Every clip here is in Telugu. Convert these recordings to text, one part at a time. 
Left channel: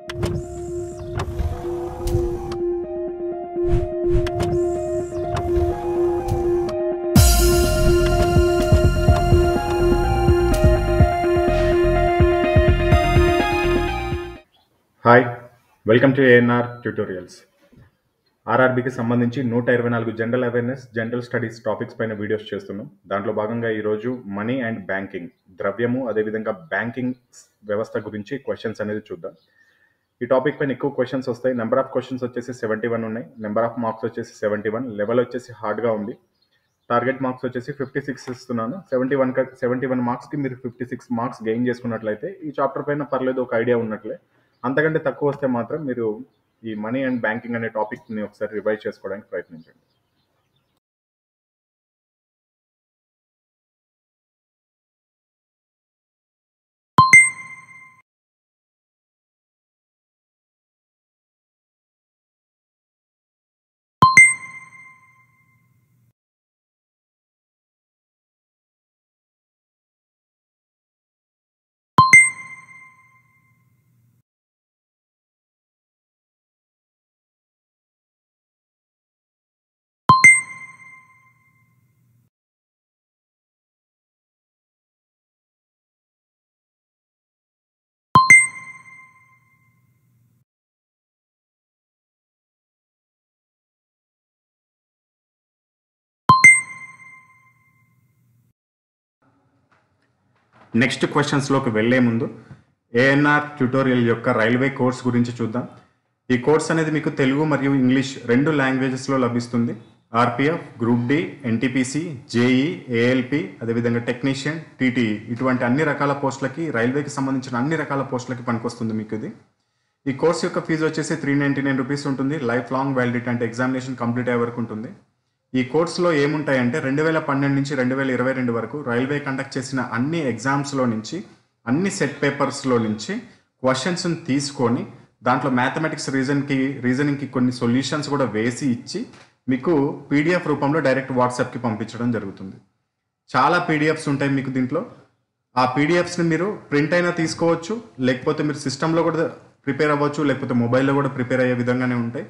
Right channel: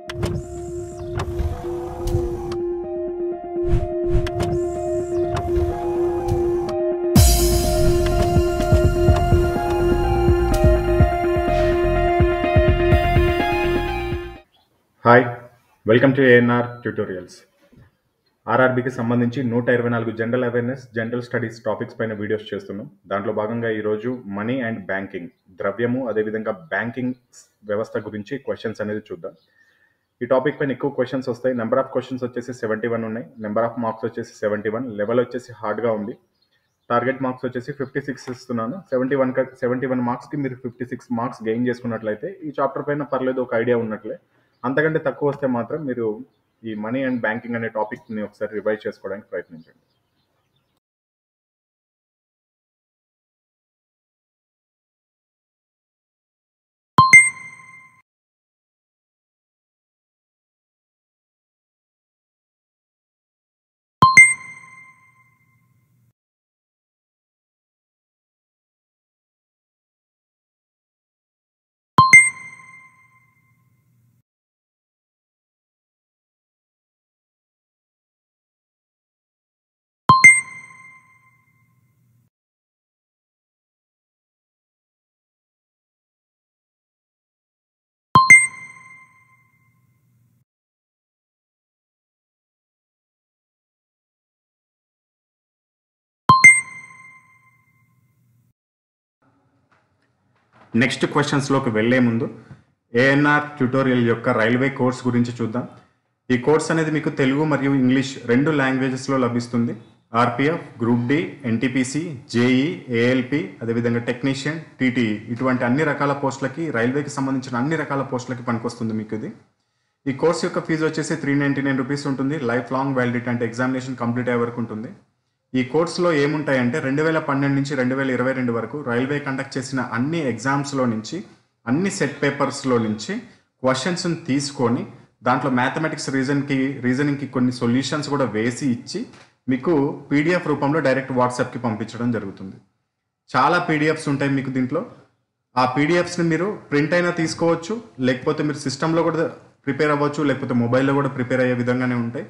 Hi welcome to ANR tutorials. ఆర్ఆర్బీకి సంబంధించి 124 general awareness general studies topics పైన వీడియోస్ చేస్తున్నాం. దాంట్లో భాగంగా ఈరోజు మనీ అండ్ బ్యాంకింగ్, ద్రవ్యము అదేవిధంగా బ్యాంకింగ్ వ్యవస్థ గురించి క్వశ్చన్స్ అనేది చూద్దాం. ఈ టాపిక్ పైన ఎక్కువ క్వశ్చన్స్ వస్తాయి. నెంబర్ ఆఫ్ క్వశ్చన్స్ వచ్చేసి 71 ఉన్నాయి. నెంబర్ ఆఫ్ మార్క్స్ వచ్చేసి 71. లెవెల్ వచ్చేసి హార్డ్గా ఉంది. టార్గెట్ మార్క్స్ వచ్చేసి 56 ఇస్తున్నాను. 71 మార్క్స్కి మీరు 56 మార్క్స్ గెయిన్ చేసుకున్నట్లయితే ఈ చాప్టర్ పైన పర్లేదు, ఒక ఐడియా ఉన్నట్లే. అంతకంటే తక్కువ వస్తే మాత్రం మీరు ఈ మనీ అండ్ బ్యాంకింగ్ అనే టాపిక్ని ఒకసారి రివైజ్ చేసుకోవడానికి ప్రయత్నించండి. నెక్స్ట్ క్వశ్చన్స్లోకి వెళ్లే ముందు ఏఎన్ఆర్ ట్యూటోరియల్ యొక్క రైల్వే కోర్స్ గురించి చూద్దాం. ఈ కోర్స్ అనేది మీకు తెలుగు మరియు ఇంగ్లీష్ 2 లాంగ్వేజెస్లో లభిస్తుంది. RPF, group D, NTPC, JE, ALP, అదేవిధంగా టెక్నీషియన్, టీటీఈ ఇటువంటి అన్ని రకాల పోస్టులకి, రైల్వేకి సంబంధించిన అన్ని రకాల పోస్టులకి పనికొస్తుంది మీకు ఇది. ఈ కోర్స్ యొక్క ఫీజు వచ్చేసి 399 రూపీస్ ఉంటుంది. లైఫ్ లాంగ్ వ్యాలిడిటీ, అంటే ఎగ్జామినేషన్ కంప్లీట్ అయ్యే వరకు ఉంటుంది. ఈ కోర్సులో ఏముంటాయంటే 2012 నుంచి 2022 వరకు రైల్వే కండక్ట్ చేసిన అన్ని ఎగ్జామ్స్లో నుంచి, అన్ని సెట్ పేపర్స్లో నుంచి క్వశ్చన్స్ని తీసుకొని దాంట్లో మ్యాథమెటిక్స్ రీజనింగ్కి కొన్ని సొల్యూషన్స్ కూడా వేసి ఇచ్చి మీకు పీడిఎఫ్ రూపంలో డైరెక్ట్ వాట్సాప్కి పంపించడం జరుగుతుంది. చాలా పీడిఎఫ్స్ ఉంటాయి మీకు దీంట్లో. ఆ పీడిఎఫ్స్ని మీరు ప్రింట్ అయినా తీసుకోవచ్చు, లేకపోతే మీరు సిస్టంలో కూడా ప్రిపేర్ అవ్వచ్చు, లేకపోతే మొబైల్లో కూడా ప్రిపేర్ అయ్యే విధంగానే ఉంటాయి.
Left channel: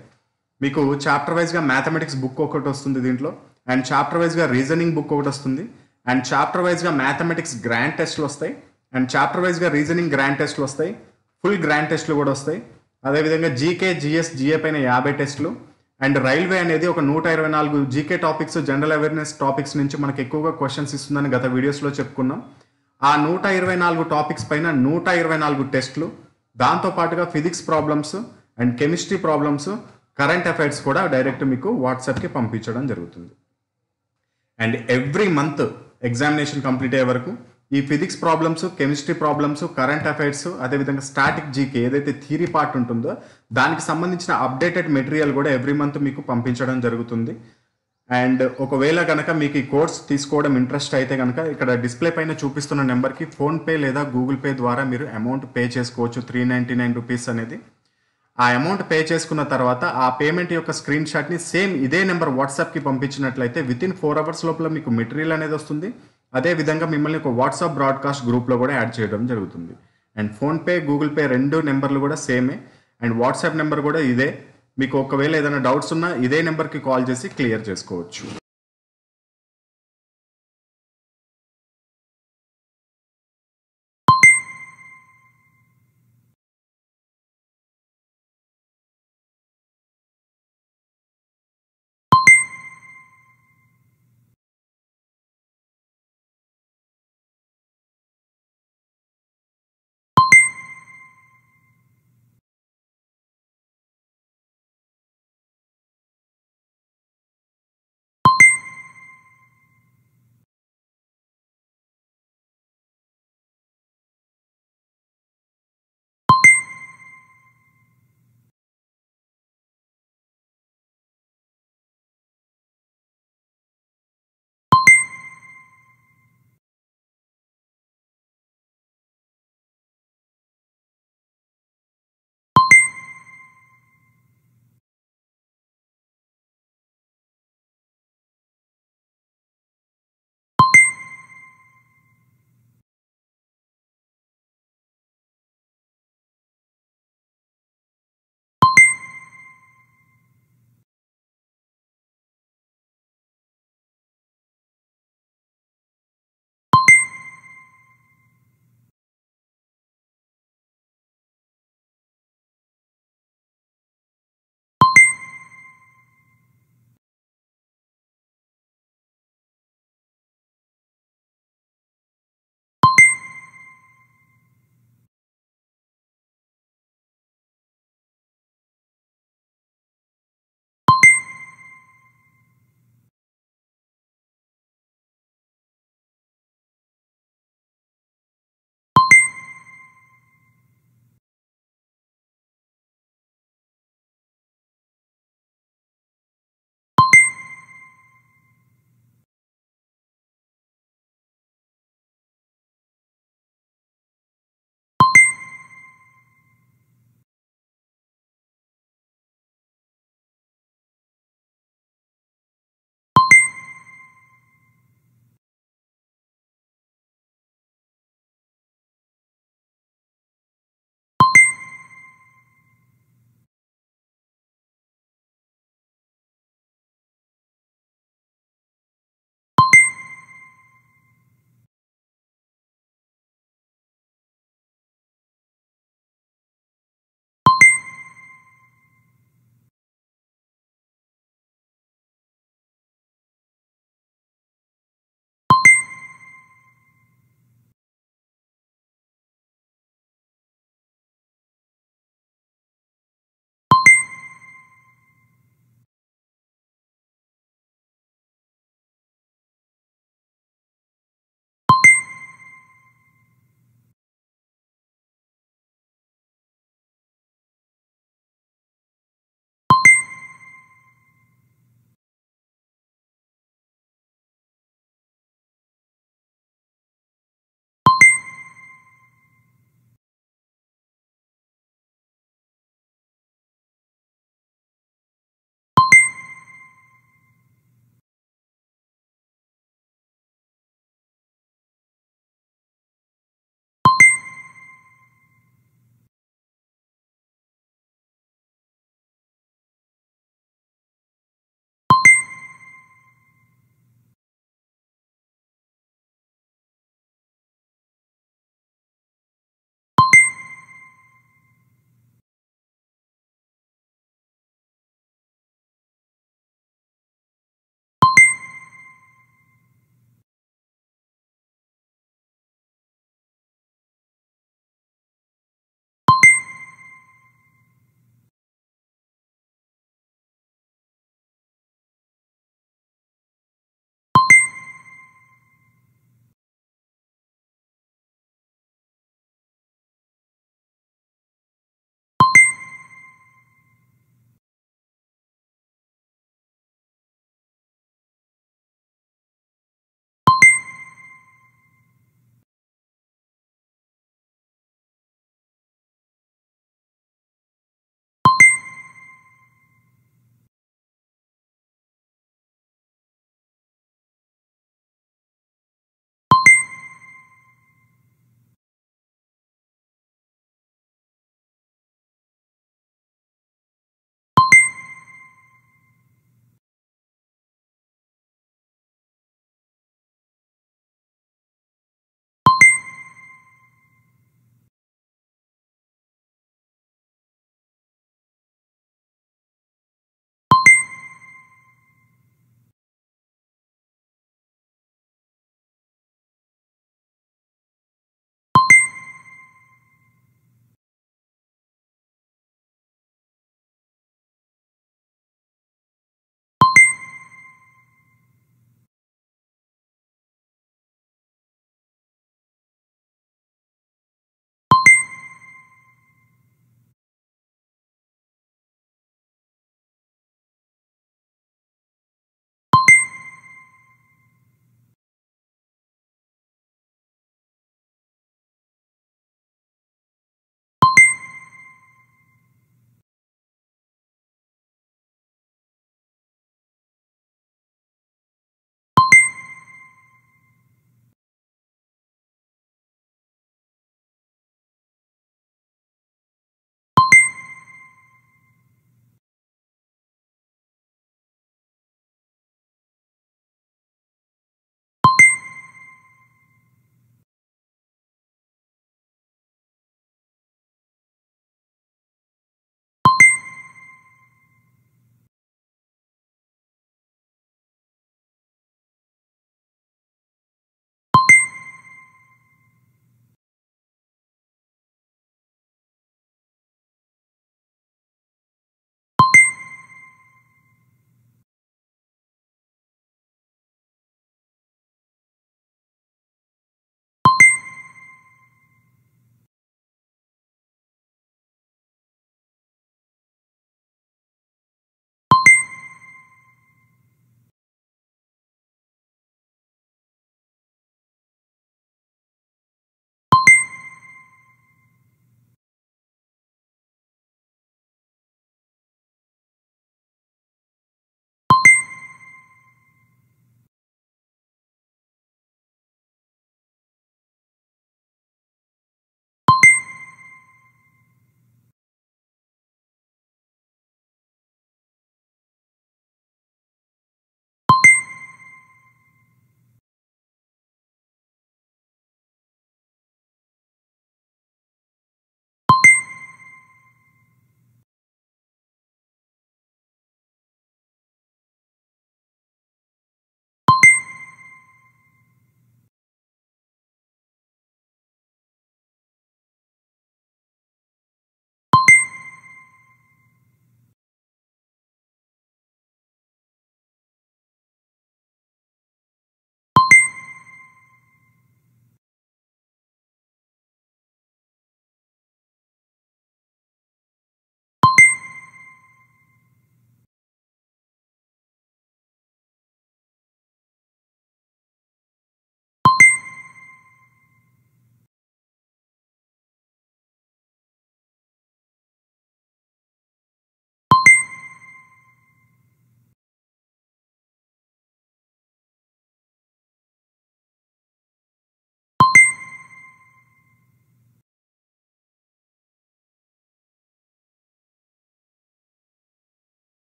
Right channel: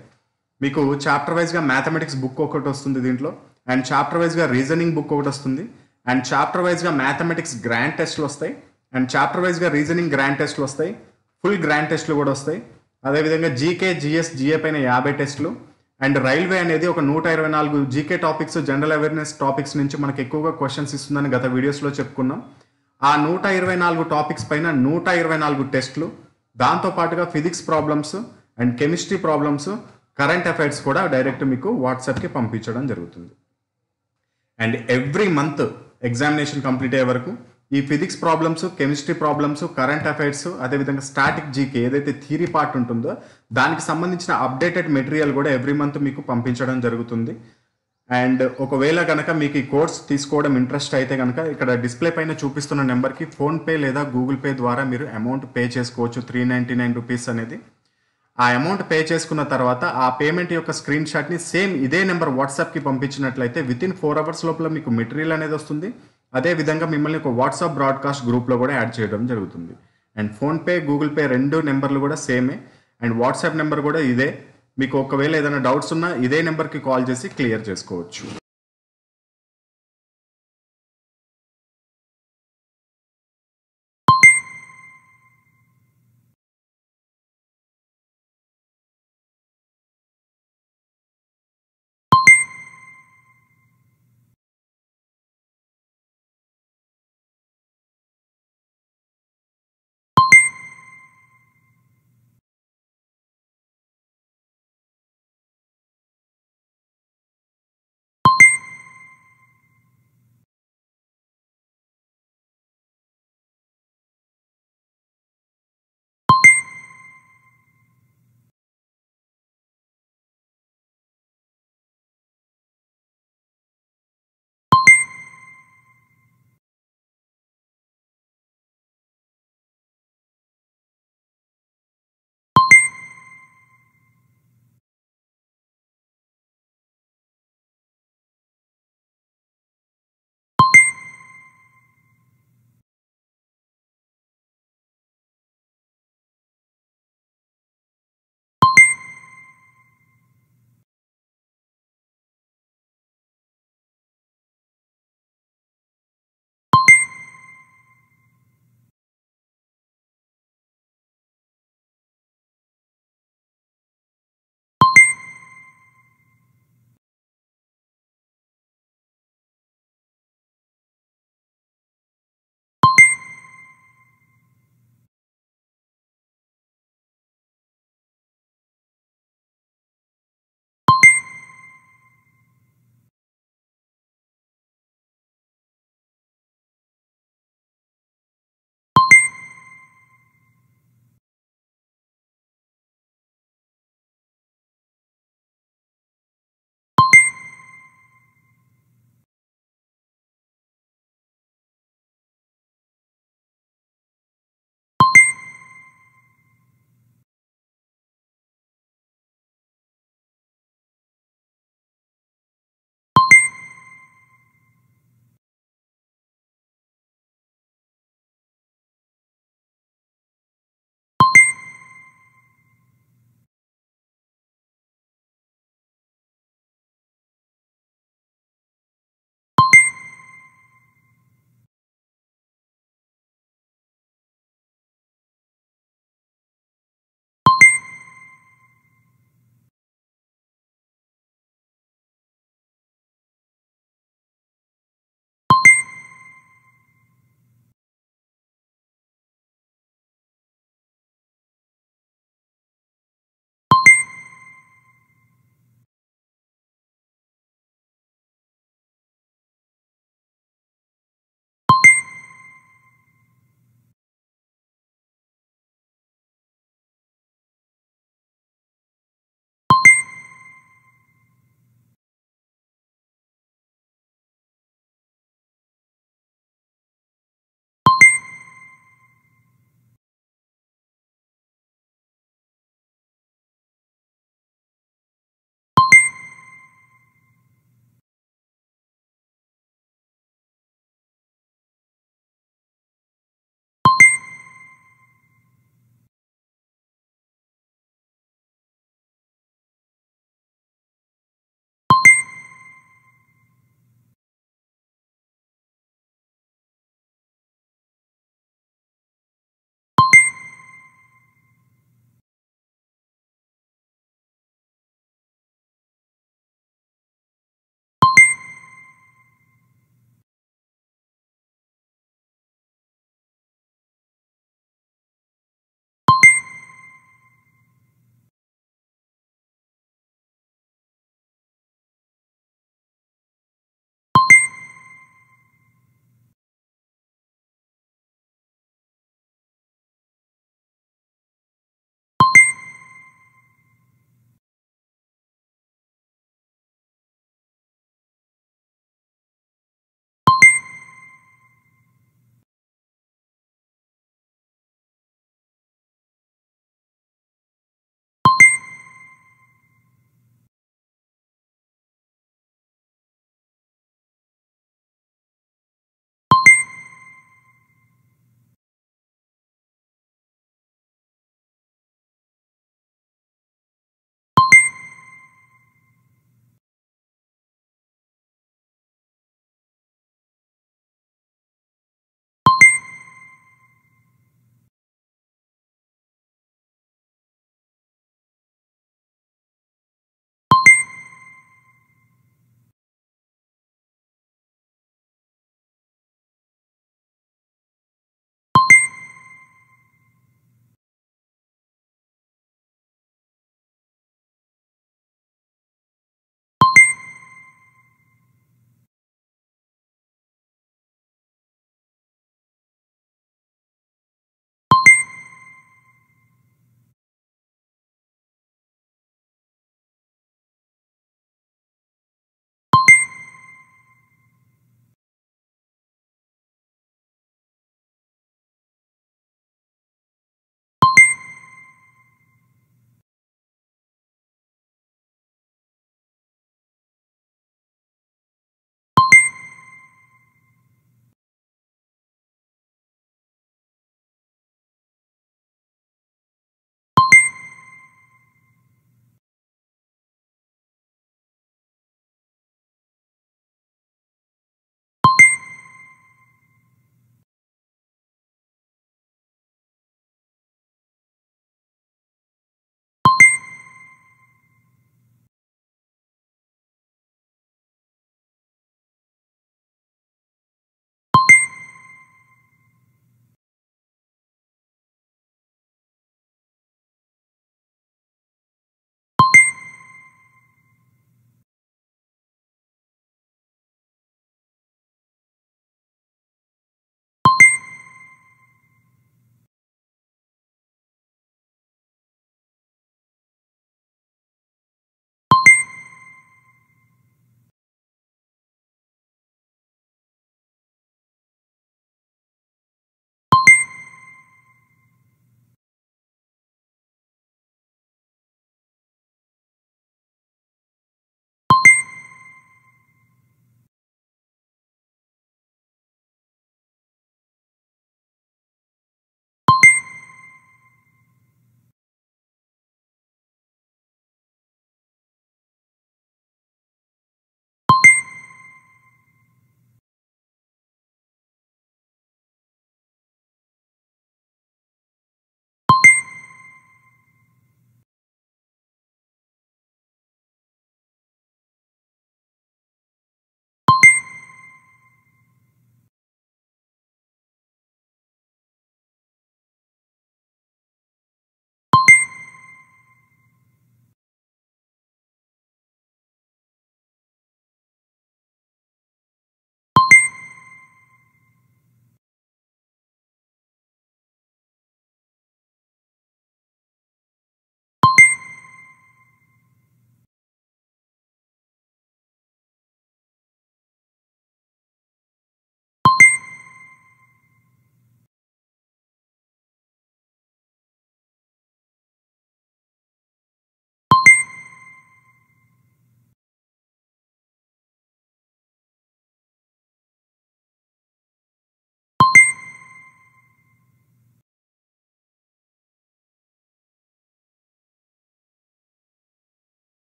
మీకు చాప్టర్ వైజ్గా మ్యాథమెటిక్స్ బుక్ ఒకటి వస్తుంది దీంట్లో, అండ్ చాప్టర్ వైజ్గా రీజనింగ్ బుక్ ఒకటి వస్తుంది, అండ్ చాప్టర్ వైజ్గా మ్యాథమెటిక్స్ గ్రాండ్ టెస్ట్లు వస్తాయి, అండ్ చాప్టర్ వైజ్గా రీజనింగ్ గ్రాండ్ టెస్ట్లు వస్తాయి, ఫుల్ గ్రాండ్ టెస్ట్లు కూడా వస్తాయి. అదేవిధంగా జీకే, జిఎస్, జిఏ పైన 50 టెస్ట్లు. అండ్ రైల్వే అనేది ఒక 124 GK topics, general awareness topics నుంచి మనకు ఎక్కువగా క్వశ్చన్స్ ఇస్తుందని గత వీడియోస్లో చెప్పుకున్నాం. ఆ 124 టాపిక్స్ పైన 124 టెస్ట్లు, దాంతోపాటుగా physics problems and chemistry problems, current affairs కూడా డైరెక్ట్ మీకు వాట్సాప్కి పంపించడం జరుగుతుంది. And every month examination complete అయ్యే వరకు ఈ physics problems, chemistry problems, current affairs, అదేవిధంగా స్టాటిక్ జీకే ఏదైతే థియరీ పార్ట్ ఉంటుందో దానికి సంబంధించిన అప్డేటెడ్ మెటీరియల్ కూడా ఎవ్రీ మంత్ మీకు పంపించడం జరుగుతుంది. అండ్ ఒకవేళ కనుక మీకు ఈ కోర్స్ తీసుకోవడం ఇంట్రెస్ట్ అయితే కనుక ఇక్కడ డిస్ప్లే పైన చూపిస్తున్న నెంబర్కి ఫోన్పే లేదా గూగుల్ పే ద్వారా మీరు అమౌంట్ పే చేసుకోవచ్చు. 399 రూపీస్ అనేది. ఆ అమౌంట్ పే చేసుకున్న తర్వాత ఆ పేమెంట్ యొక్క స్క్రీన్ షాట్ని సేమ్ ఇదే నెంబర్ వాట్సాప్కి పంపించినట్లయితే వితిన్ 4 అవర్స్ లోపల మీకు మెటీరియల్ అనేది వస్తుంది. అదేవిధంగా మిమ్మల్ని ఒక వాట్సాప్ బ్రాడ్కాస్ట్ గ్రూప్లో కూడా యాడ్ చేయడం జరుగుతుంది. అండ్ ఫోన్పే, గూగుల్ పే 2 నెంబర్లు కూడా సేమే, అండ్ వాట్సాప్ నెంబర్ కూడా ఇదే. మీకు ఒకవేళ ఏదైనా డౌట్స్ ఉన్నా ఇదే నెంబర్కి కాల్ చేసి క్లియర్ చేసుకోవచ్చు.